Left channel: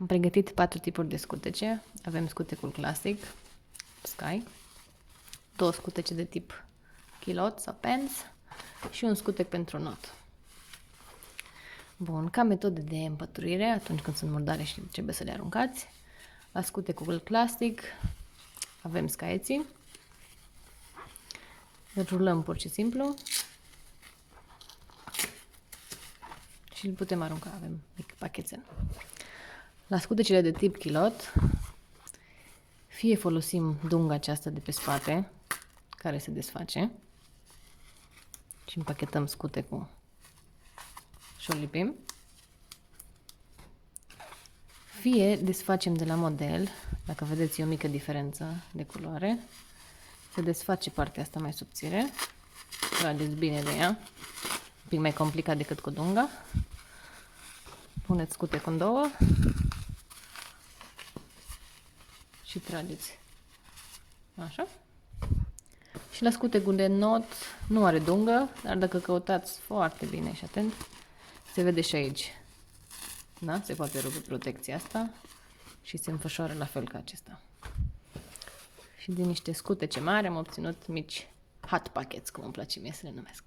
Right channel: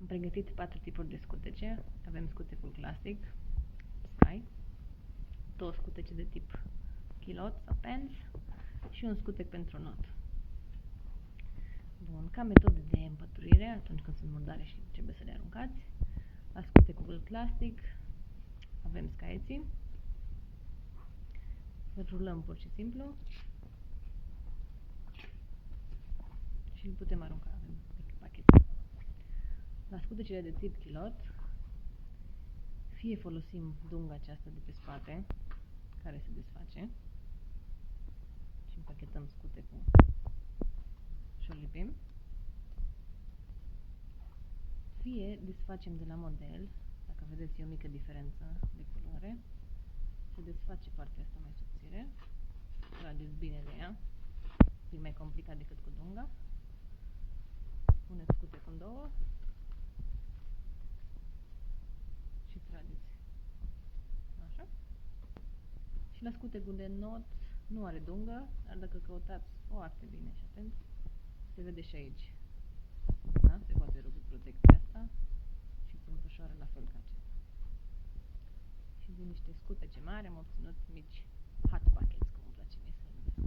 Am pregătit 4 tipuri de scutece. Avem scutecul clasic, Sky, 2 scutece de tip kilot sau pens și un scutec pentru not. Bun, ca metodă de împăturire, atunci când sunt murdare și trebuie să le aruncați, la scutecul clasic avem scaieții, îl rulăm pur și simplu și îl putem arunca, avem mic pachetel. La scutecele de tip kilot, fie folosim dunga aceasta de pe spate, care se desface, și împachetăm scutecul și o lipim, fie desfacem de la model, dacă vedeți e o mică diferență de culoare, se desface partea asta mai subțire, trageți bine de ea, un pic mai complicat decât cu dunga, puneți scutecul în două și trageți, așa. Și la scutecul de not nu are dungă, dar dacă căutați foarte bine și atent, se vede și aici. Da? Se poate rupe protecția asta și se înfășoară la fel ca acesta. Și din niște scutece mari am obținut mici hot packets, cum îmi place mie să le numesc.